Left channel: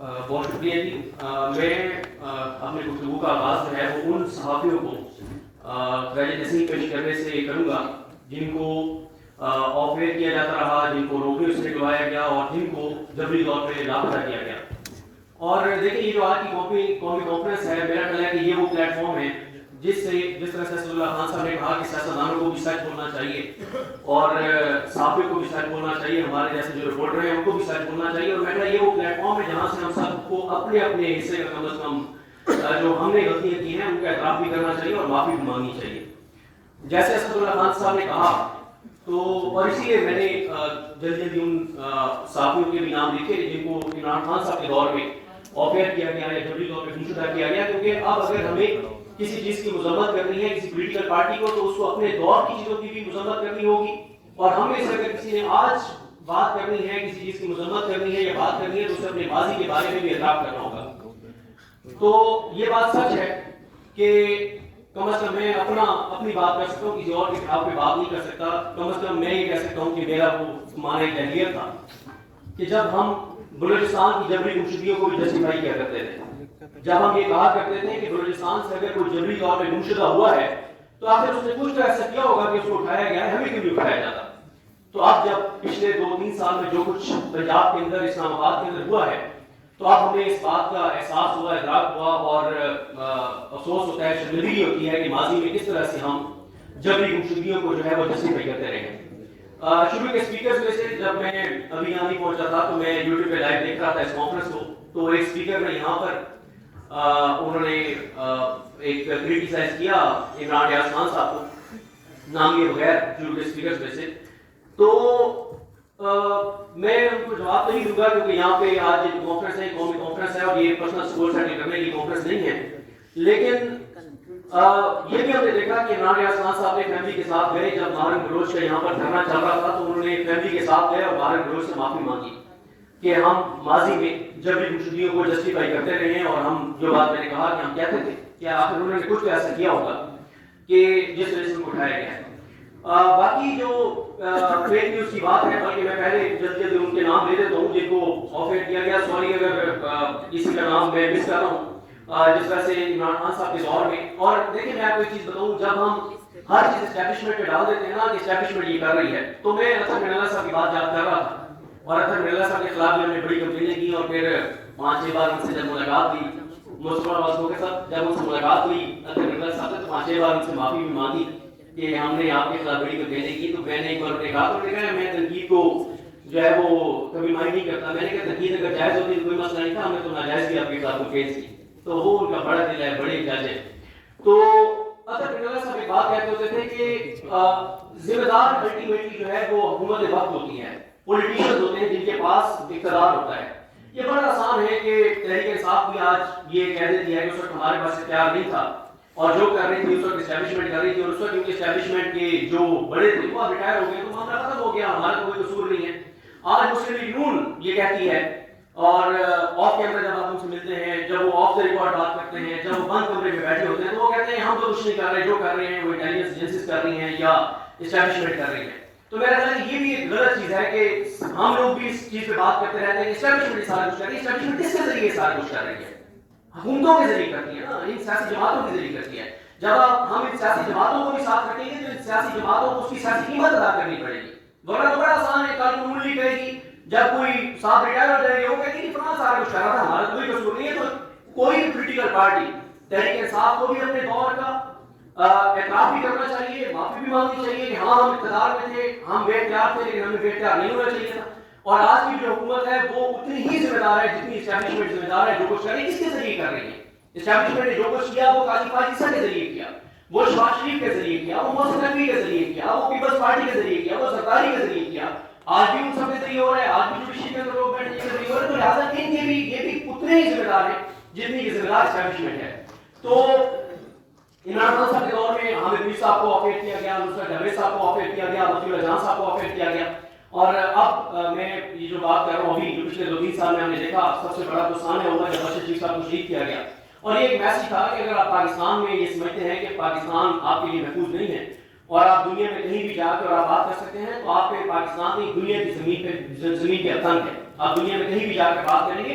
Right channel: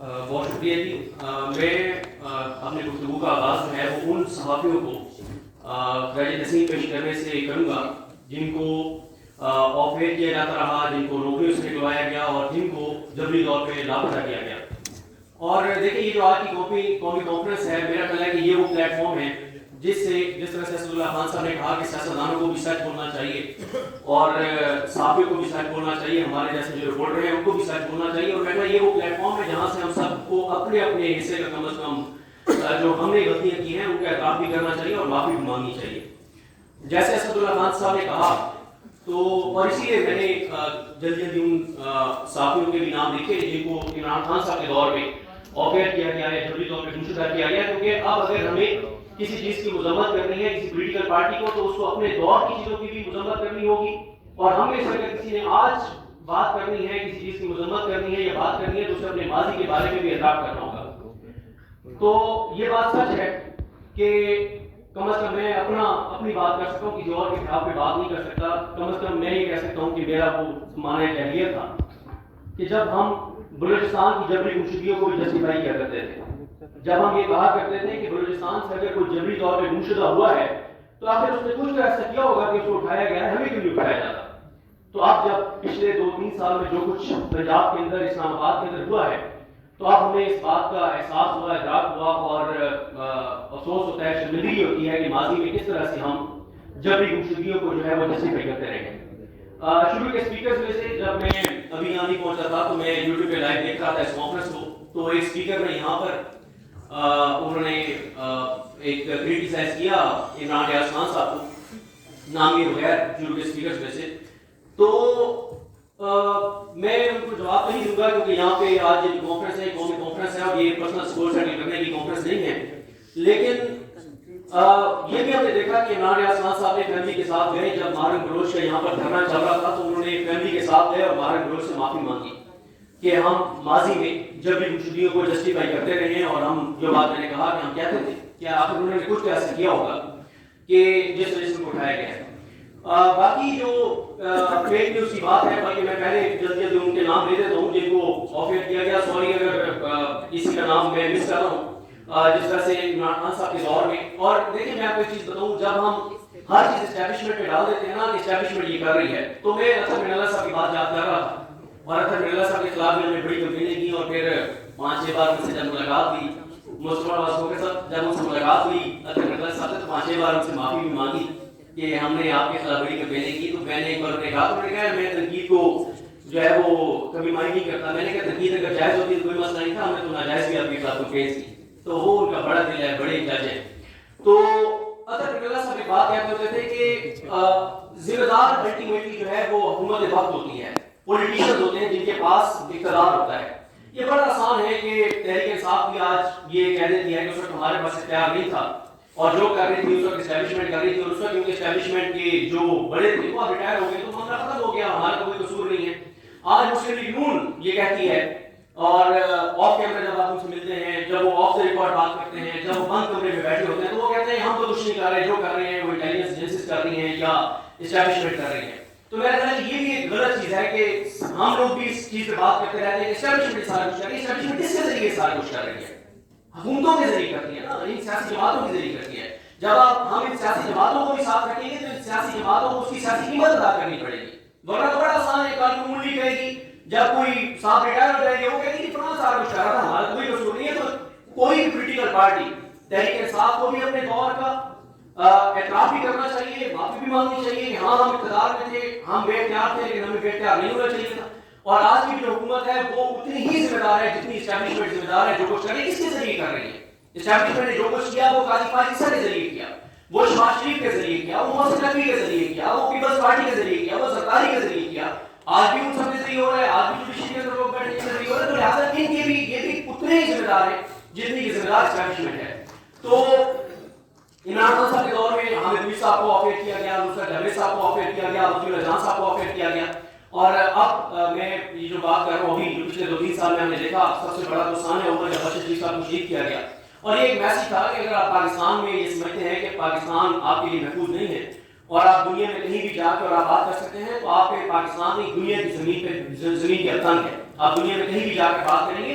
بہت شکریہ جی. میں اپنے گفتگو کا آغاز جو ہے وہ ان صحافیوں کو خراج تحسین پیش کرنے سے کروں گا جن کو آف ایئر کیا جاتا رہا، جن کو نوکریوں سے نکلوایا گیا اور جن کو جبری طور پہ لاپتہ کیا گیا. اور دیکھیں یہ جو آج کی قومی کانفرنس ہے، میرا خیال ہے کہ یہ وہ پلیٹ فارم ہے جس طرح سے اسد اللہ خان صاحب نے کہا کہ سیاستدانوں کو بھی سچ بولنا چاہیے اور صحافیوں کو بھی سچ بولنا چاہیے، ہمارے جیسے جو رپورٹر ہیں ان کو بھی سچ بولنا چاہیے. اور میں کہا یہ وہ پلیٹ فارم ہے جہاں سے ہم سب کو اپنے اپنے حصے کا کم از کم جو ہم نے غلطیاں کی ہیں ان کا اعتراف بھی کرنا چاہیے اور معافی بھی مانگنی چاہیے. جیسے اسد اللہ خان صاحب نے کہا تو، اور اسی لیے میں نے جلدی ان صحافیوں کے بھی نام لکھے جن کو عمران خان صاحب کے دور میں آفیئر کیا گیا ہے، جبری طور پہ گمشدہ کیا گیا. کیونکہ اب اگر ہمیں کسی چیز کی مذمت کرنی ہے کسی پولیٹیکل پارٹی کو تو اس کو اپنے دور کی چیزوں کی بھی مذمت کرنی ہوگی. اور ہم میں سے اگر کسی نے آج بات کرنی ہے، کسی چیز کی مذمت کرنی ہے یا بات کرنی ہے تو اسے اپنے ماضی کے بارے میں بھی اعتراف کرنا ہوگا. تو یہ بات سچ ہے کہ کم از کم میں اپنی بات کر سکتا ہوں، کسی اور کے خلاف پہ بات نہیں کر سکتا. کم از کم میں یہ کہہ سکتا ہوں کہ میرا وہ معنی جاہلیت تھا کہ جب ہم بلوچستان کی جبری گمشدگیوں کو بھی جسٹیفائی کیا کرتے تھے، جب ہم یہ کہا کرتے تھے کہ بلوچستان سے اگر کوئی جبری طور پہ گمشدہ ہوا ہے تو آخر اس نے کچھ تو ایسا کیا ہوگا کہ اس کو اٹھایا گیا ہے، ہمیں کیوں نہیں اٹھایا جاتا. تو اب جب پچھلے 2-3 سال میں جو کچھ پنجاب کے اندر، اسلام آباد کے اندر ہوا ہے تو اب ہمیں اس بات کا احساس ہوا، ادراک ہوا اور افسوس ہوتا ہے، شرمندگی ہوتی ہے کہ ماضی میں کس طرح سے ہم جبری گمشدگیوں کو جو ہے وہ جسٹیفائی کرتے رہے ہیں. شروع کے سپیکرز میں سے جب میں ابھی یہاں نہیں پہنچا تھا تو میں یوٹیوب پہ لائیو دیکھ رہا تھا اس کانفرنس کو، تو ایک سپیکر نے یہاں پر انہوں نے ایک کریٹیسائز کیا عمران ریاض خان صاحب کو، نام یہ بغیر شروع کے سپیکرز میں سے. تو میں ان کو جواب نہیں دوں گا کیونکہ یہاں پہ آج یہ کانفرنس ہے، قومی کانفرنس ہے اور یہ پرسنل سکول سیٹل کرنے کی کانفرنس نہیں ہے. لیکن یہ بھی ہم نے دیکھا کہ عمران ریاض خان صاحب نے فیملی کے ساتھ گئے، جب مہرن بلوچ کا یہاں پر دھرنا چل رہا تھا تو انہوں نے فیملی کے ساتھ گئے اور مہرن بلوچ سے معافی مانگی کہ ہم ماضی میں جبری گمشدگیوں کو جسٹیفائی کرتے رہے ہیں اور ہم جو بات میں نے کہا کہ ہم کہتے تھے کہ آخر انہوں نے کچھ تو ایسا کیا ہوگا کہ جس وجہ سے ان کو اٹھایا گیا ہے. باقی جو فیک نیوز کی بات ہے، بلکہ میں پہلے جلدی ان کے نام لے دیتا ہوں جن کو آفیئر کیا گیا. سوری اگر کسی کا نام میں مس کر رہا ہوں، جس طرح سے عمران خان صاحب کے دور میں. اور دیکھیں میں آپ کو ایک چیز بتاؤں، جب ہم ہر چیز اسٹیبلشمنٹ پہ ڈال دیتے ہیں نا کہ اسٹیبلشمنٹ یہ کر رہی ہے، تو میں اطہر من اللہ صاحب کی بات یاد کر رہا تھا اور اطہر من اللہ صاحب کے خلاف بھی ہم نے بڑی کمپینیں کی اور پھر 5-6 بار ان سے جب ملاقات ہوئی، مصطفیٰ واسکو کے ساتھ جب ان سے ملاقات ہوئی اطہر من اللہ صاحب سے 5-6 بار ان سے معافی بھی مانگی کہ ہم نے آپ کے خلاف بڑی کمپینیں کی. تو میں نے ایک بار کہا تو میں تنقید کو جو ہے وہ کبھی مانی نہیں کرتا. میں نے کہا تنقید اگر جائز ہوتی ہے کوئی مسئلہ نہیں تھا، ہم نے تو ناجائز بھی آپ کے خلاف کیس کی. تو وہ ان کا بڑا دل ہے، بڑے جج ہیں. تو اطہر من اللہ صاحب ایک بات کہتے ہوتے تھے کہ ذمہ دار الٹیمیٹلی جو ہے وہ حکومت وقت ہوتی ہے، پولیٹیشنز ہوتے ہیں جن کے پاس اقتدار ہوتا ہے. یہ بڑا آسان ہے کہ تحریک انصاف بھی آج یہ کہہ دیتی ہے کہ اس وقت ہمارے پاس اختیار نہیں تھا اور جو کر رہی تھی اس وقت اسٹیبلشمنٹ کر رہی تھی اور اس وقت ان کے اسٹیبلشمنٹ کے جو بڑے تھے وہ ریٹائر ہو گئے تو معاملہ ختم ہو گیا، ہمارا کوئی قصور نہیں ہے. آج مسلم لیگ نون یہ کہتی ہے اور آف کیمرہ جب آپ ان سے ملتے ہیں، جب وہ آف دا ریکارڈ بات کرتے ہیں، جب وہ بند کمرے میں بیٹھے ہوتے ہیں تو وہ کہتے ہیں ہم تو کچھ نہیں کر رہے، جو کر رہے ہیں وہ انٹیلیجنس ایجنسیز کر رہی ہیں یا اسٹیبلشمنٹ کر رہی ہے. تو میرا خیال ہے یہ بھی ایک غلط چیز ہے کہ ہم لوگ بھی اس چیز پہ بات کرتے رہتے ہیں کہ اسٹیبلشمنٹ سارا کچھ کر رہی ہے. اسٹیبلشمنٹ کس کے ذریعے سارا کچھ کر رہی ہے؟ حکومتوں کے ذریعے کرتی ہے نا، ان سیاسی جماعتوں کے ذریعے کرتی ہے. جب ہم ان سیاسی جماعتوں کو بھی ساتھ رکھیں گے تو ان سیاسی جماعتوں کو اس کی سیاسی قیمت ادا کرنی پڑے گی. ورنہ تو بڑا آسان ہے، کل کو منڈی کہے گی جب کوئی صاحب ریٹائر ہو جائے گی وہ کہے گی کہ فلاں سارا کچھ کر رہا تھا، ہمارا کوئی قصور نہیں ہے. تو کوئی بھی پولیٹیکل پارٹی تحریک انصاف کو بھی اپنے دور کا اعتراف بھی کرنا چاہیے، معافی بھی مانگنی چاہیے کہ ہاں ہم اقتدار میں تھے، ہم بے اختیار تھے لیکن ہمیں بے اختیار نہیں ہونا چاہیے تھا. اور آج کی جو حکومت ہے وہ اتنی ہی ذمہ دار ہے جتنی اسٹیبلشمنٹ ذمہ دار ہے. جو کچھ کر رہی ہے کس کے ذریعے کر رہی ہے؟ اسٹیبلشمنٹ نے جو کچھ کیا وہ قاضی فاضل کے ذریعے کیا، وہ شہباز شریف کے ذریعے کیا، وہ محسن نقوی کے ذریعے کیا، وہ پیپلز پارٹی کے ذریعے کیا، وہ زرداری کے ذریعے کیا. آج بھی ان سب کے ذریعے ہو رہا ہے، آج بھی جوڈیشری کے لوگ بیٹھے کے ذریعے ہو رہا ہے. تو لہٰذا ان کے بھی یہ بھی اتنے ہی ذمہ دار ہیں جتنی کی ذمہ دار اسٹیبلشمنٹ ہے. تو عمران خان صاحب کے دور میں حامد میر صاحب کو آفیئر کیا گیا، نصرت جاوید صاحب کو آفیئر کیا گیا، عبد اللہ جان صاحب کو آفیئر کیا گیا. اور اب میں یہ جو بات کر رہا ہوں ابھی جو پچھلے 2-3 سال میں ہم نے دیکھا سب سے بڑا تو سامنے ہوا جب بشیر شریف صاحب کو شہید کیا گیا. اور یہ ایک میسج تھا کہ اگر آپ پاکستان میں یہ سمجھتے ہیں کہ پاکستان آپ کے لیے محفوظ نہیں ہے اور آپ دنیا میں کہیں بھی جا کر آپ بات کر سکتے ہیں تو آپ کے پاکستان کی دنیا کی زمین پہ زمین کے تنگ ہے. آپ دنیا میں کہیں بھی جا کر بات کریں گے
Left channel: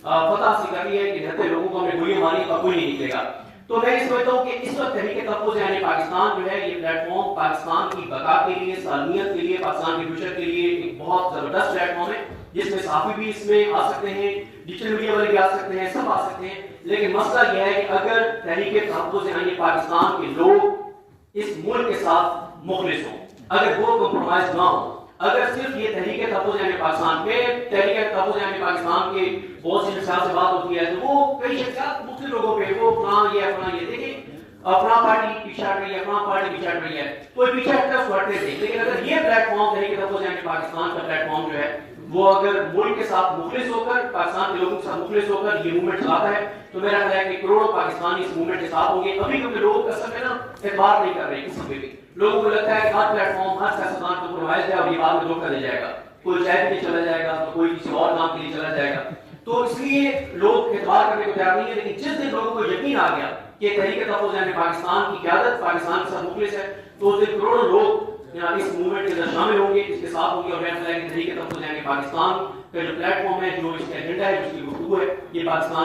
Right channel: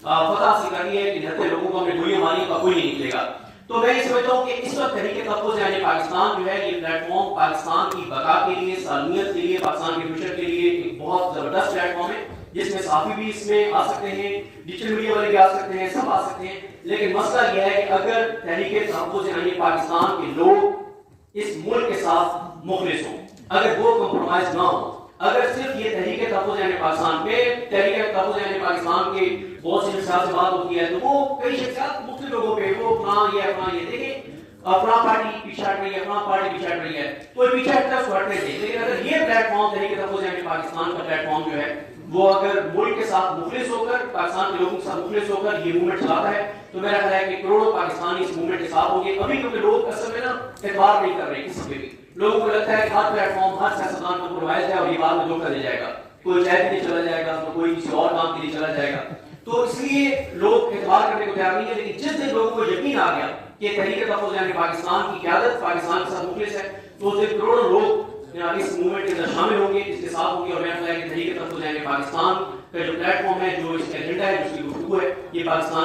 فتح حاصل کر لی ہے کہ 79 لوگوں کو ہم نے گولیاں ماری پر کوئی نہیں نکلے گا. تو میں یہ سمجھتا ہوں کہ اس وقت تحریک تحفظ یعنی پاکستان جو ہے یہ پلیٹ فارم پاکستان کی بقا کے لیے، سالمیت کے لیے، پاکستان کے فیوچر کے لیے ایک بہت زبردست پلیٹ فارم ہے جس میں صحافی بھی اس میں آ سکتے ہیں، ڈیجیٹل میڈیا والے بھی آ سکتے ہیں، سب آ سکتے ہیں. لیکن مسئلہ یہ ہے کہ اگر تحریک تحفظ یعنی پاکستان کے لوگ اس ملک کے ساتھ مخلص ہوں، اگر وہ کمپرومائز نہ ہو، اگر صرف یہ تحریک تحفظ یعنی پاکستان پہ، تحریک تحفظ یعنی پاکستان کے بہت سی شخصیات سے بات ہوتی ہے تو وہ کئی شخصیات مختلف لوگوں پہ وہ فلاں یہ دیکھیں فلاں پارٹی پیچھے ہٹ رہی ہے، فلاں پارٹی پیچھے ہٹ رہی ہے، کوئی پیچھے ہٹتا ہے اس کو ہٹنے دے. لیکن اگر یہ پلیٹ فارم تحریک تحفظ یعنی پاکستان کا پلیٹ فارم جو ہے وہ اگر ملک کے ساتھ مخلص ہو کر، پاکستان کے لوگوں کے ساتھ مخلص ہو کر یہ موومنٹ چلاتا ہے تو میرا خیال ہے کہ کروڑوں پاکستانی اس موومنٹ کے ساتھ ہوں گے. ابھی کیونکہ لوگ اصل میں نا اعتبار نہیں کر رہے کسی پہ بھی، لوگوں کو لگتا ہے کہ ہر پلیٹ فارم ہر سیاستدان کمپرومائز ہے اور یہ بعد میں دھوکہ دے جائے گا، کوئی چائے کے لیے چلا جائے گا تو کوئی کسی اور کام کے لیے چلا جائے گا. تو اس لیے لوگ اعتبار کرنے کو تیار نہیں ہے. لیکن جس دن لوگوں کو یقین آ گیا کہ تحریک تحفظ یعنی پاکستان کی قیادت پاکستان کے ساتھ مخلص ہے تو اس دن کروڑوں لوگ اس موومنٹ کے اندر شامل ہوں گے، اس کے ساتھ ہوں گے. اور میں خیال ہے کہ تحریک تحفظ یعنی پاکستان کا جو پلیٹ فارم ہے، جو اس کا ایجنڈا ہے، جو اس کی گفتگو ہے، یہ پاکستان